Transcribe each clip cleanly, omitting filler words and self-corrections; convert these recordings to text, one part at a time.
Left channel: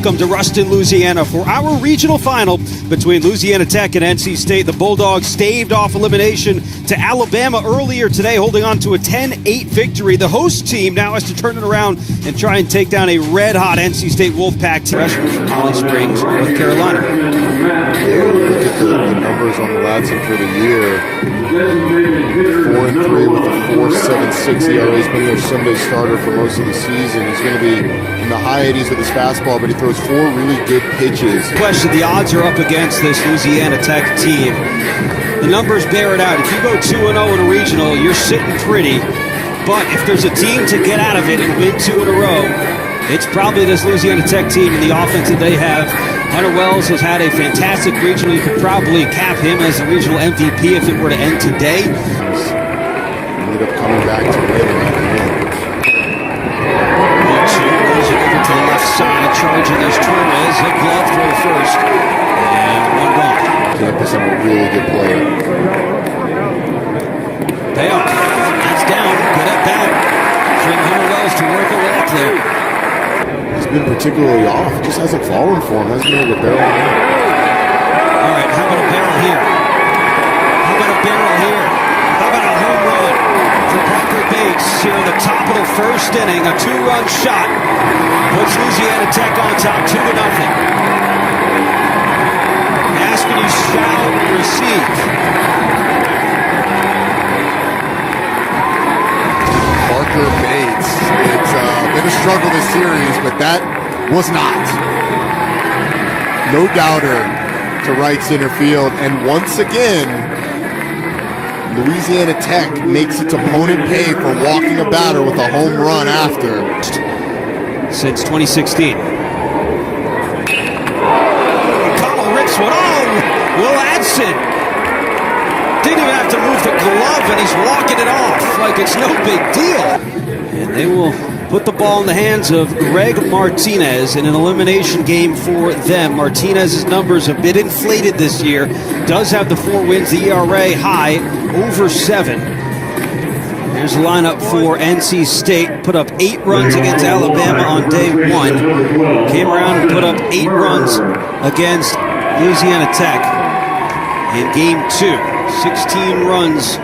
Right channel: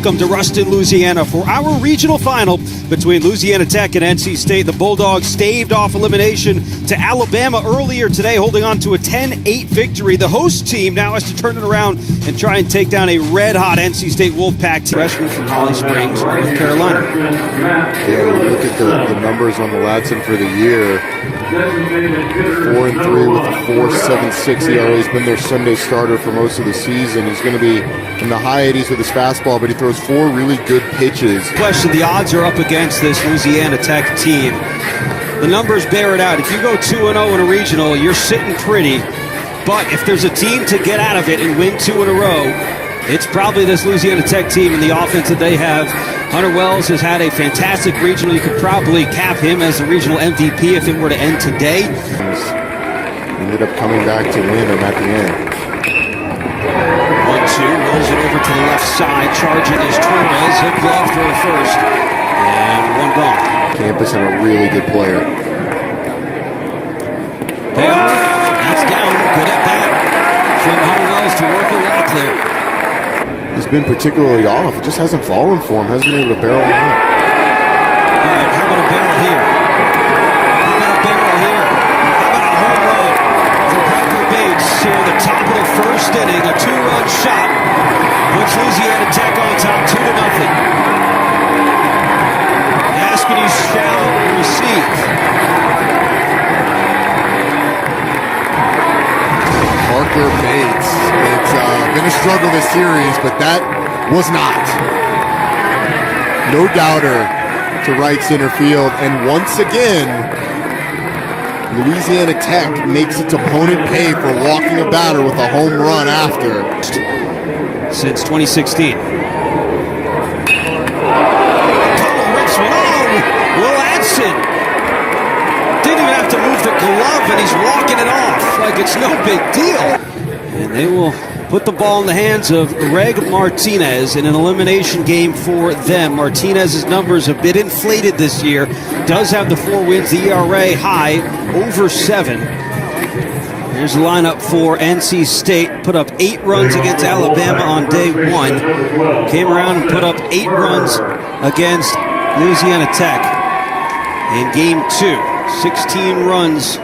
Welcome to Ruston, Louisiana for our regional final between Louisiana Tech and NC State. The Bulldogs staved off elimination to Alabama earlier today, holding on to a 10-8 victory. The host team now has to turn it around and try and take down a red-hot NC State Wolfpack team. Freshman from Holly Springs, North Carolina. Yeah, you look at the numbers on the Ladson for the year. 4-3 with a 4.76 ERA. He's been their Sunday starter for most of the season. He's going to be in the high 80s with his fastball, but he throws 4 really good pitches. Question, the odds are up against this Louisiana Tech team. The numbers bear it out. If you go 2-0 in a regional, you're sitting pretty. But if there's a team to get out of it and win 2 in a row, it's probably this Louisiana Tech team and the offense that they have. Hunter Wells has had a fantastic regional. You could probably cap him as the regional MVP if it were to end today. Ended up coming back to win them at the end. 1-2, rolls it over to the left side. Charging is Torres. He'll glove throw to first. And one gone. Campus and a really good player. Payoff. That's down. Good at bat from Hunter Wells to work a walk there. He's been particularly off. It just hasn't fallen for him. Hasn't been able to barrel him up. All right, how about a barrel here? How about a barrel here? How about a home run for Parker Bates here in the top of the first inning? A 2-run shot puts Louisiana Tech on top 2-0. Ask and you shall receive. Parker Bates. It's been a struggle this series, but that was not. No doubter to right center field. And once again, Louisiana Tech makes its opponent pay for walking a batter with a home run after. Since 2016. Connell rips one. Oh, Will Adson. Didn't even have to move the glove, and he's walking it off like it's no big deal. And they will put the ball in the hands of Greg Martinez in an elimination game for them. Martinez's numbers have been inflated this year. Does have the 4 wins, the ERA high, over 7. Here's the lineup for NC State. Put up 8 runs against Alabama on day 1. Came around and put up 8 runs against Louisiana Tech in game 2. 16 runs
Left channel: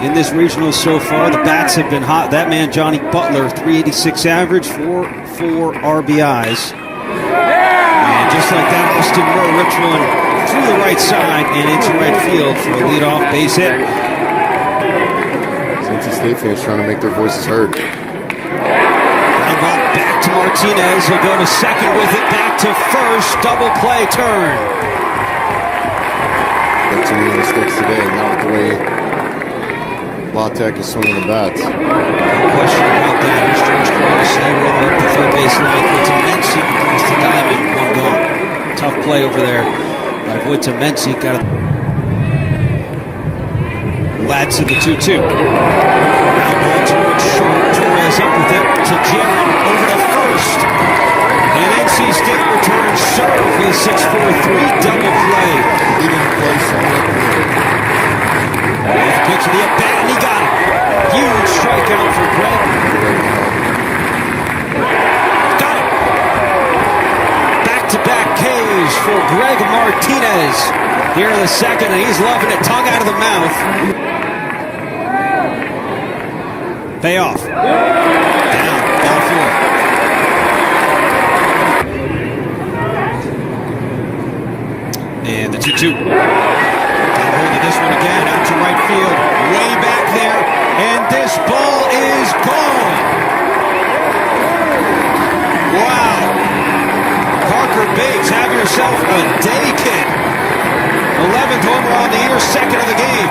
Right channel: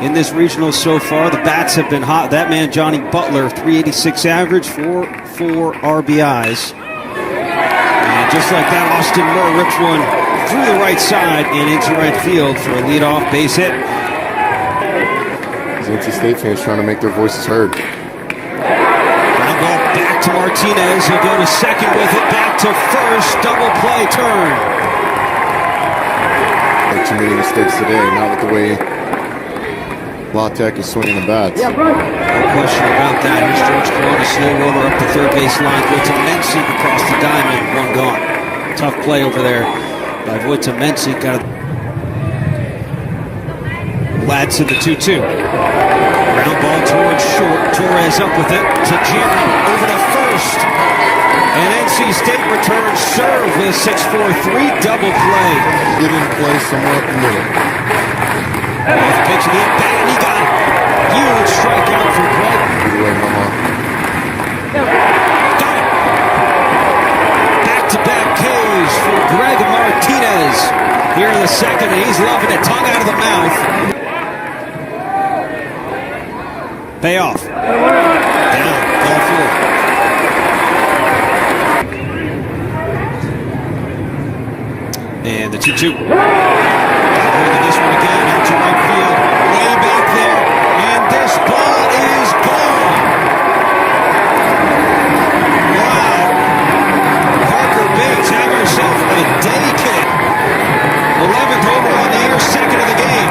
in this regional so far. The bats have been hot. That man, Johnny Butler, 386 average, 4 RBIs. And just like that, Austin Murr rips one through the right side and into right field for a leadoff base hit. These NC State fans trying to make their voices heard. Ground ball back to Martinez. He'll go to second with it. Back to first. Double play turn. Make too many mistakes today, not with the way La Tech is swinging the bats. No question about that. Here's George Corona, slow roller up the third base line. Voita Mensiek across the diamond, one gone. Tough play over there by Voita Mensiek. Got it. Ladson the 2-2. Ground ball towards short. Torres up with it to Jarrett. Over to first. And NC State returns serve with a 6-4-3 double play. Didn't play somewhere up the middle. 8th pitch of the at-bat, and he got him. Huge strikeout for Greg. Either way, no harm. Got him. Back-to-back Ks for Greg Martinez here in the second, and he's loving it. Tongue out of the mouth. Payoff. Down, ball 4. And the 2-2. Got a hold of this one again, out to right field, way back there, and this ball is gone. Wow. Parker Bates, have yourself a day, kid. 11th homer on the year, 2nd of the game.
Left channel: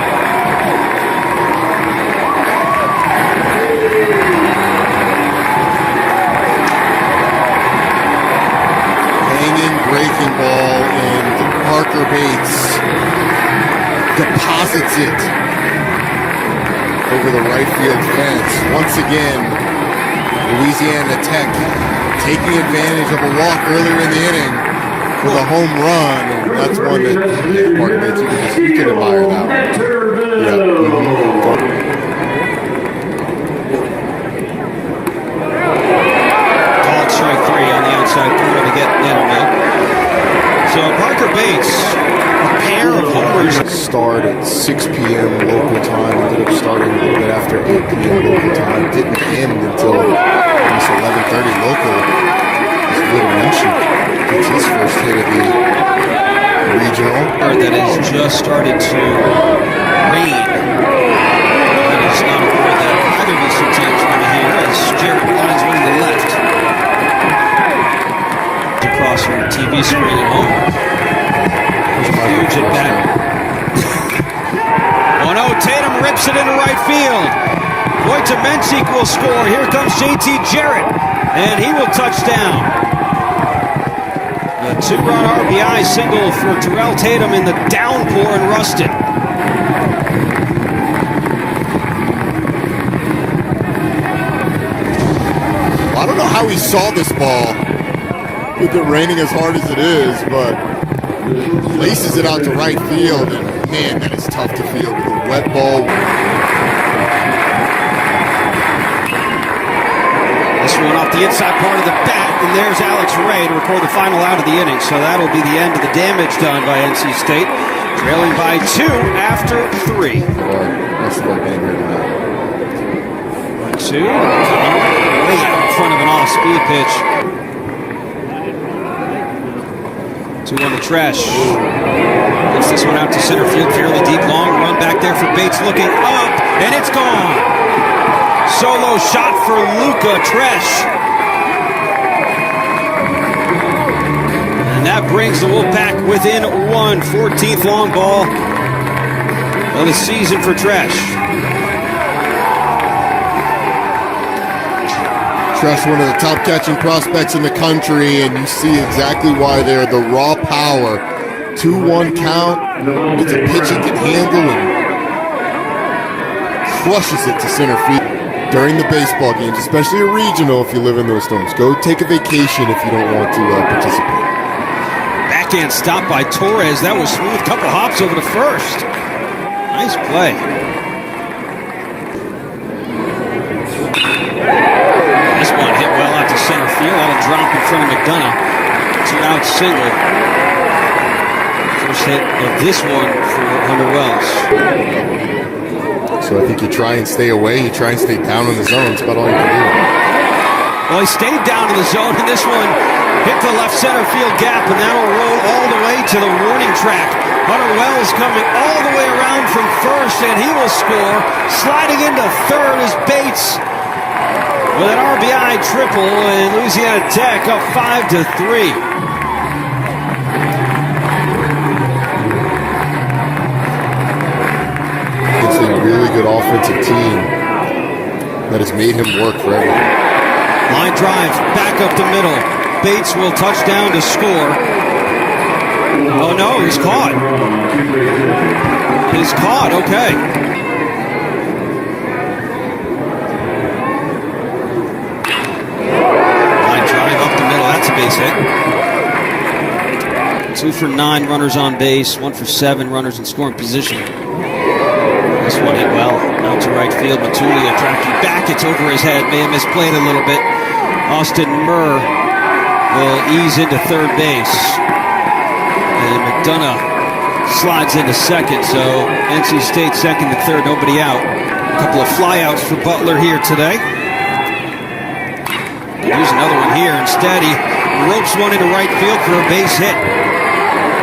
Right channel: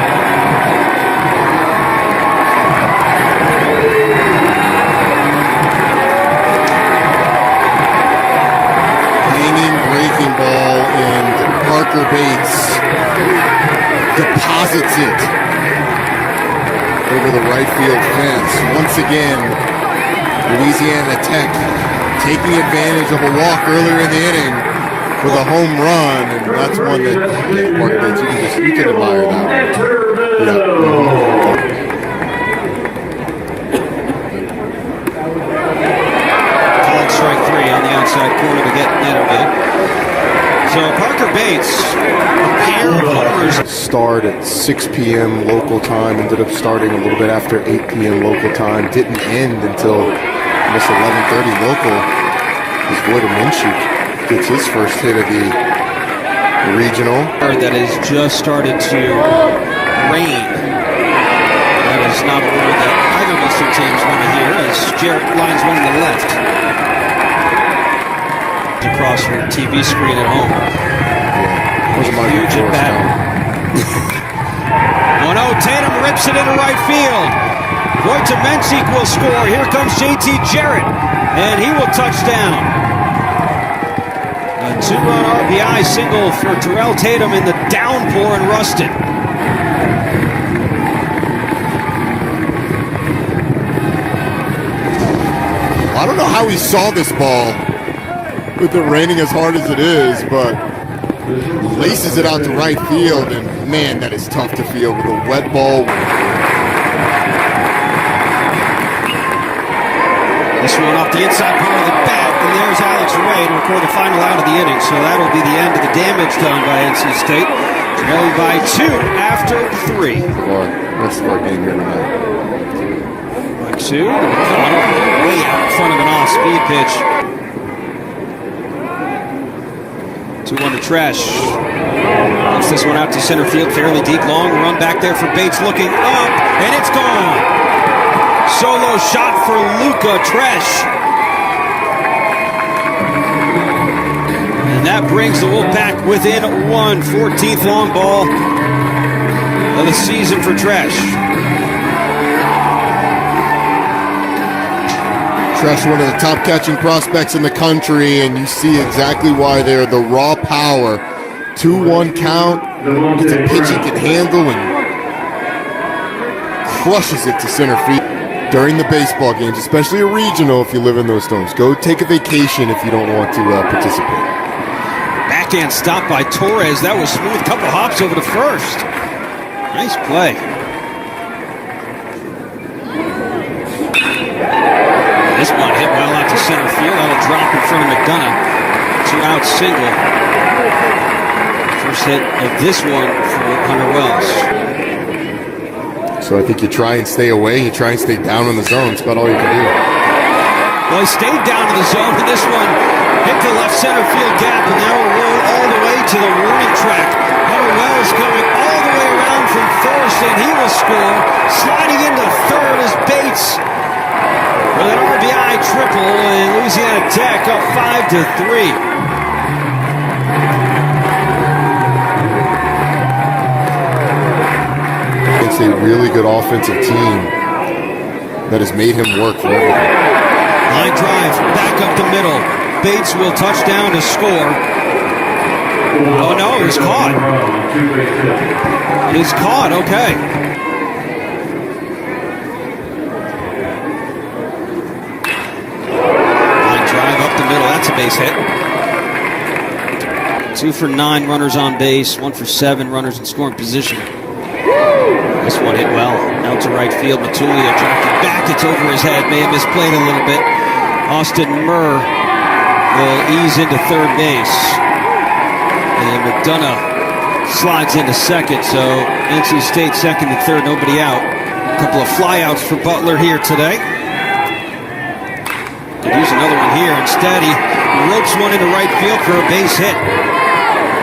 Hanging breaking ball, and Parker Bates deposits it over the right field fence. Once again, Louisiana Tech taking advantage of a walk earlier in the inning with a home run, and that's one that, yeah, Parker Bates, you can admire that one. Yep. strike three on the outside corner to get Netterville. So Parker Bates, a pair of homers. Start at 6 p.m. local time, ended up starting a little bit after 8 p.m. local time. Didn't end until almost 11:30 local as Wojtamenchik gets his first hit of the regional. That has just started to rain. That is not a word that either of these two teams want to hear, as Jarrett lines one to the left. Across your TV screen at home. Yeah, those are my huge at bat. Oh no, Tatum rips it into right field. Wojtamenchik will score. Here comes JT Jarrett, and he will touch down. A two-run RBI single for Terrell Tatum in the downpour in Ruston. Well, I don't know how he saw this ball with it raining as hard as it is, but laces it out to right field, and man, that is tough to field with a wet ball. This one off the inside part of the bat, and there's Alex Ray to record the final out of the inning. So that'll be the end of the damage done by NC State, trailing by 2 after 3. Of our rest of our game here tonight. 1-2 to McConnell, way out in front of an off-speed pitch. 2-1 to Tresh. Lifts this one out to center field, fairly deep, long run back there for Bates, looking up, and it's gone. Solo shot for Luca Tresh. And that brings the Wolfpack within 1. 14th long ball of the season for Tresh. Tresh, one of the top catching prospects in the country, and you see exactly why there. The raw power. 2-1 count. Gets a pitch he can handle and crushes it to center field. During the baseball games, especially a regional if you live in those storms. Go take a vacation if you don't want to participate. Backhand stop by Torres. That was smooth. Couple hops over to first. Nice play. This one hit well out to center field. That'll drop in front of McDonough. 2-out single. First hit of this one for Hunter Wells. So I think you try and stay away. You try and stay down in the zone. It's about all you can do. Well, he stayed down in the zone, and this one hit the left center field gap, and that'll roll all the way to the warning track. Hunter Wells coming all the way around from first, and he will score. Sliding into third is Bates with an RBI triple, and Louisiana Tech up 5-3. It's a really good offensive team that has made him work for everything. Line drive back up the middle. Bates will touch down to score. Oh no, it was caught. He's caught, okay. Line drive up the middle, that's a base hit. 2 for 9 runners on base, 1 for 7 runners in scoring position. This one hit well, out to right field. Matulia tracking back, it's over his head, may have misplayed a little bit. Austin Murr will ease into third base. And McDonough slides into second, so NC State second and third, nobody out. A couple of flyouts for Butler here today. Could use another one here. Instead, he ropes one into right field for a base hit.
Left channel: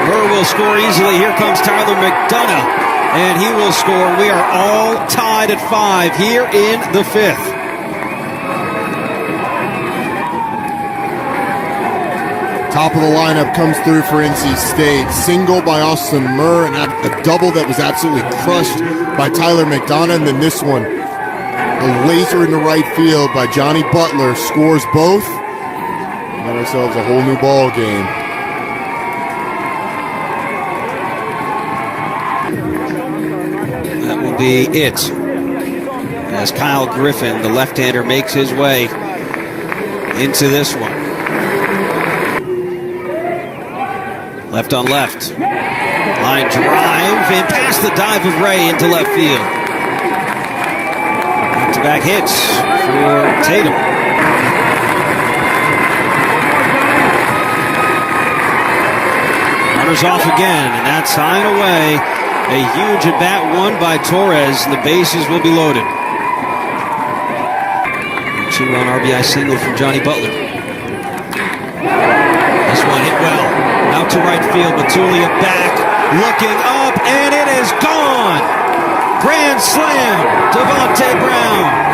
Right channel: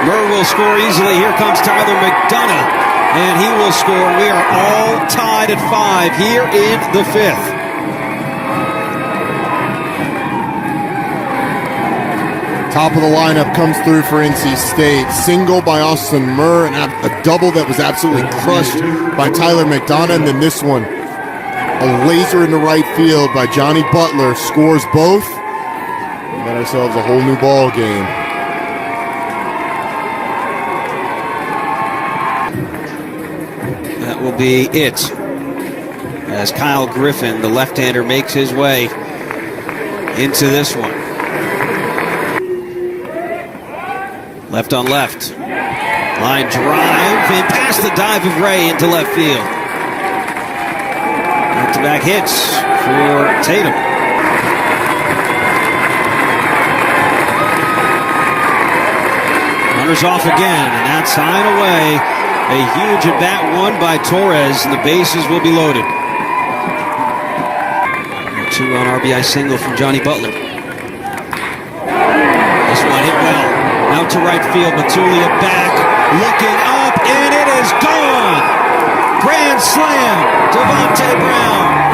Murr will score easily. Here comes Tyler McDonough, and he will score. And we are all tied at 5 here in the 5th. Top of the lineup comes through for NC State. Single by Austin Murr, and a double that was absolutely crushed by Tyler McDonough. And then this one, a laser into right field by Johnny Butler, scores both. We got ourselves a whole new ball game. That will be it, as Kyle Griffin, the left-hander, makes his way into this one. Left on left. Line drive and past the dive of Ray into left field. Back-to-back hits for Tatum. Runners off again, and that's high and away. A huge at-bat won by Torres, and the bases will be loaded. A 2-run RBI single from Johnny Butler. This one hit well. Out to right field, Matulia back, looking up, and it is gone! Grand slam, Devontae Brown.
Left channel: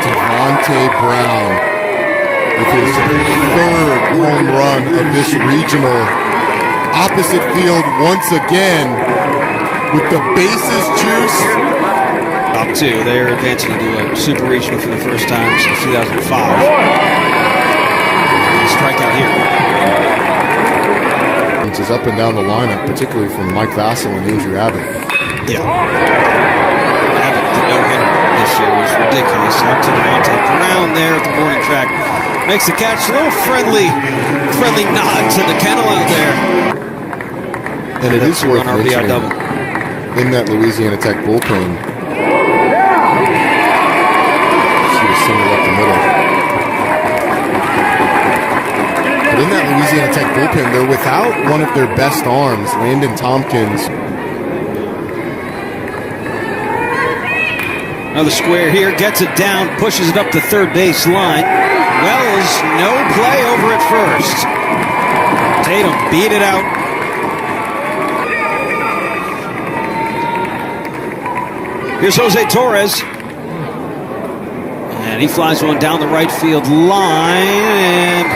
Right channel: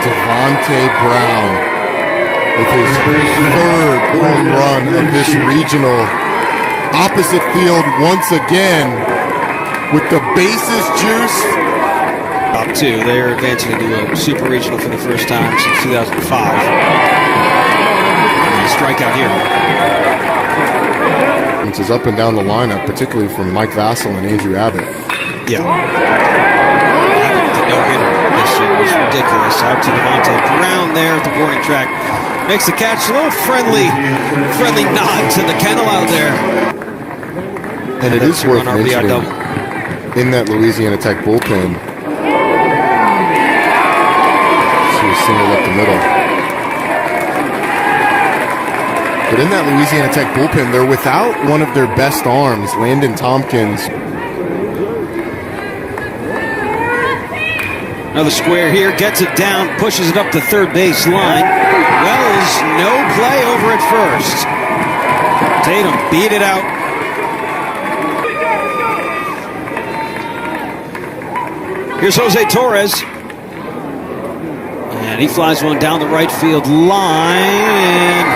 Devontae Brown with his third home run of this regional. Opposite field once again with the bases juiced. Top two. They're advancing into a super regional for the first time since 2005. And a strikeout here. Which is up and down the lineup, particularly from Mike Vassell and Andrew Abbott. Yeah. Abbott with the no-hitter this year was ridiculous. Out to Devontae Brown there at the warning track. Makes the catch. A little friendly nod to the kennel out there. And it is worth RBI mentioning, double. In that Louisiana Tech bullpen, see a single up the middle. But in that Louisiana Tech bullpen, they're without one of their best arms, Landon Tompkins. Another square here, gets it down, pushes it up the third base line. Wells, no play over at first. Tatum beat it out. Here's Jose Torres. And he flies one down the right field line, and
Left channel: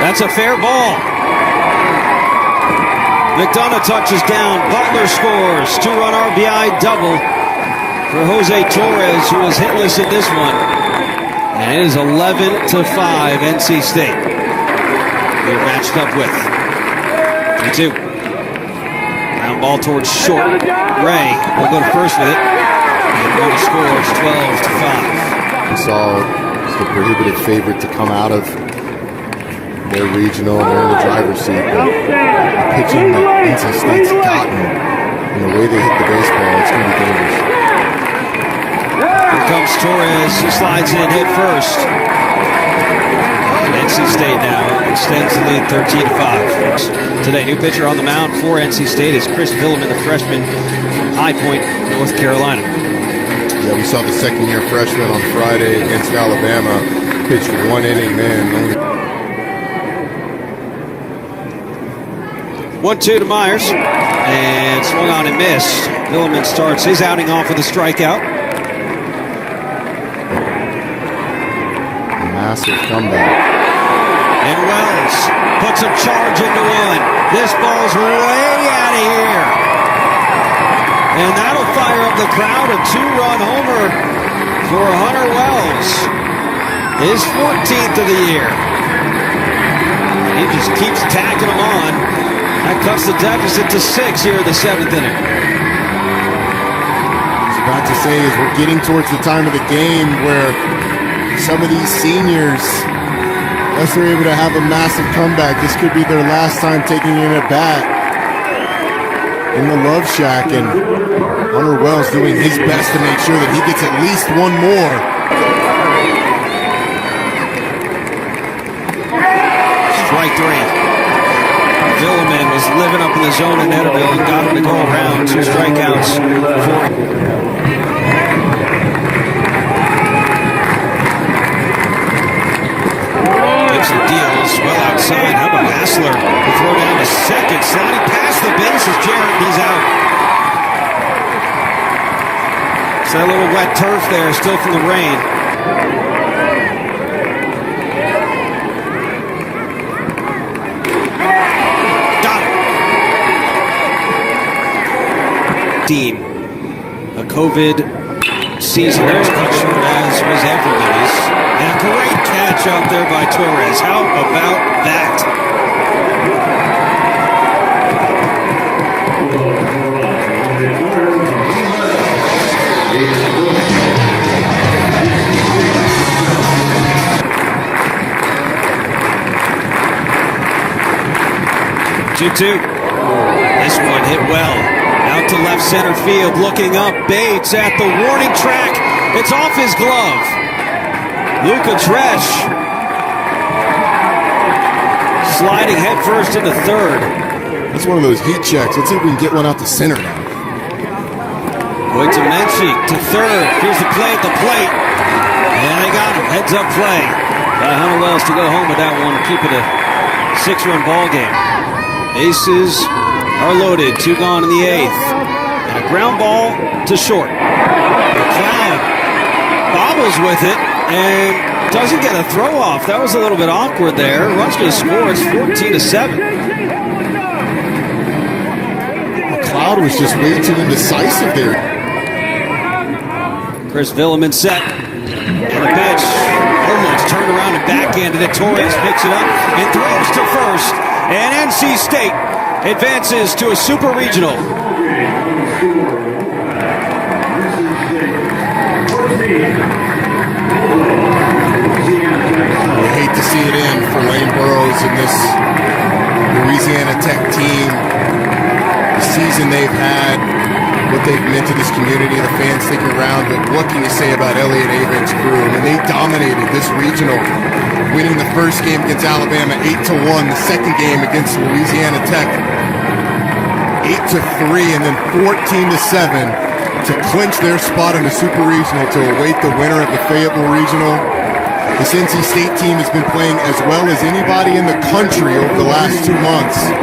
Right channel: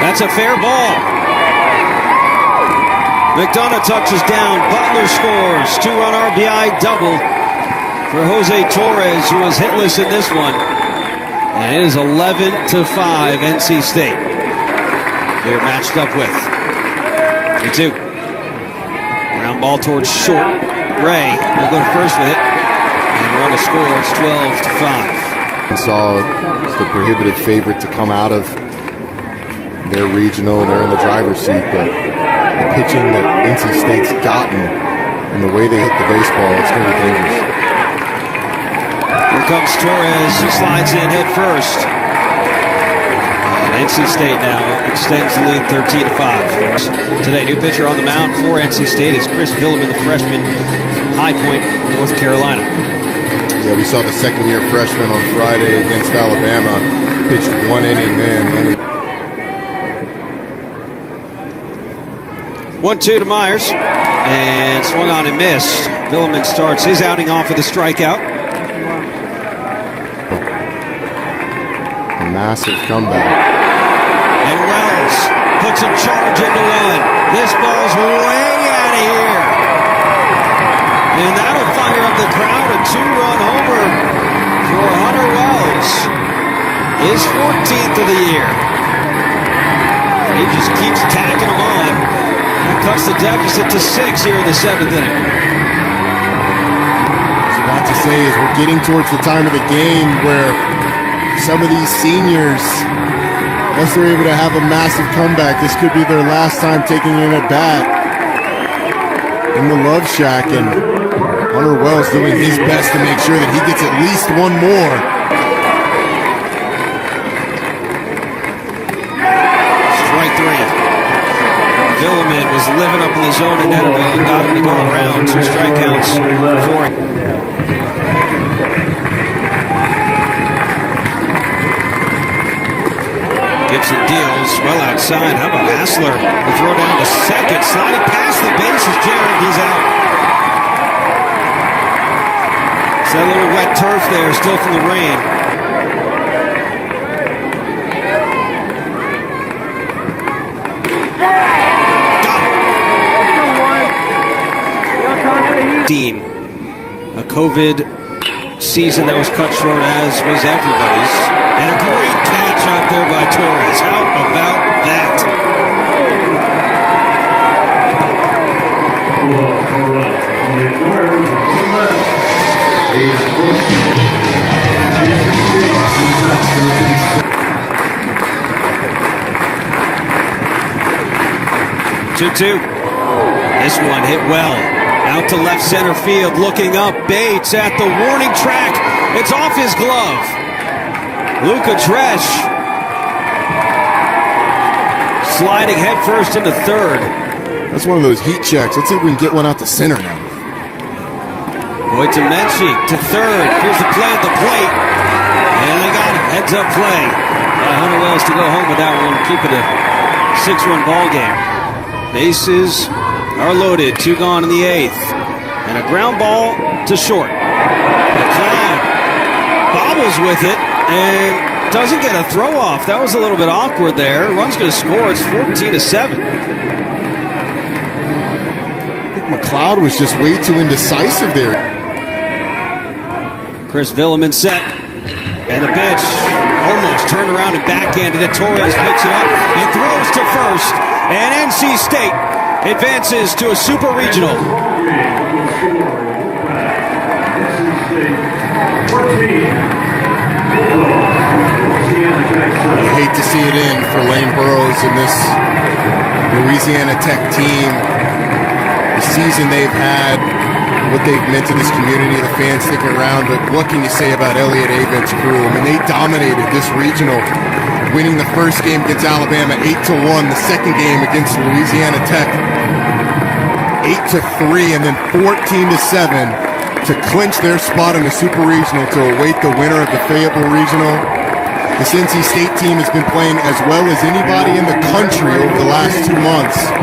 that's a fair ball. McDonough touches down. Butler scores. 2-run RBI double for Jose Torres, who was hitless in this one. And it is 11-5 NC State. We are matched up with 3-2. Ground ball towards short. Ray will go to first with it. And run a score. It's 12-5. We saw the prohibitive favorite to come out of their regional, and they're in the driver's seat. But the pitching that NC State's gotten and the way they hit the baseball, it's going to be dangerous. Here comes Torres. He slides in head first. And NC State now extends the lead 13-5. Today, new pitcher on the mound for NC State is Chris Villeman, the freshman from High Point, North Carolina. Yeah, we saw the second-year freshman on Friday against Alabama. Pitched 1 inning then. 1-2 to Myers. And swung on and missed. Villeman starts his outing off with a strikeout. A massive comeback. And Wells puts a charge into one. This ball's way out of here. And that'll fire up the crowd. A 2-run homer for Hunter Wells. His 14th of the year. And he just keeps tacking them on. That cuts the deficit to 6 here in the 7th inning. I was about to say, is we're getting towards the time of the game where some of these seniors, unless they're able to have a massive comeback, this could be their last time taking in a bat in the Love Shack, and Hunter Wells doing his best to make sure that he gets at least one more. Strike 3. Villeman was living up in the zone in Netterville and got him to go around. 2 strikeouts for him. Gibson deals well outside. How about Hassler? The throw down to second. Sliding past the bases. Jarrett, he's out. It's that little wet turf there, still from the rain. Got him. A COVID season that was cut short, as was everybody's. And a great catch out there by Torres. How about that? 2-2. This one hit well. Out to left center field, looking up. Bates at the warning track. It's off his glove. Luca Tresh sliding headfirst into third. That's one of those heat checks. Let's see if we can get one out to center now. Wojciechowski to third. Here's the play at the plate. And they got him. Heads up play by Hunter Wells to go home with that one. Keep it a 6-run ball game. Bases are loaded. 2 gone in the 8th. And a ground ball to short. McLeod bobbles with it and doesn't get a throw off. That was a little bit awkward there. Run's going to score. It's 14-7. I think McLeod was just way too indecisive there. Chris Villeman set. And the pitch almost turned around and backhanded it. Torres picks it up and throws to first. And NC State advances to a super regional. You hate to see it in for Lane Burroughs and this Louisiana Tech team. The season they've had, what they've meant to this community, the fans sticking around, but what can you say about Elliott Avent's crew? I mean, they dominated this regional, winning the first game against Alabama 8-1, the second game against Louisiana Tech 8-3, and then 14-7 to clinch their spot in the Super Regional to await the winner of the Fayetteville Regional. This NC State team has been playing as well as anybody in the country over the last 2 months.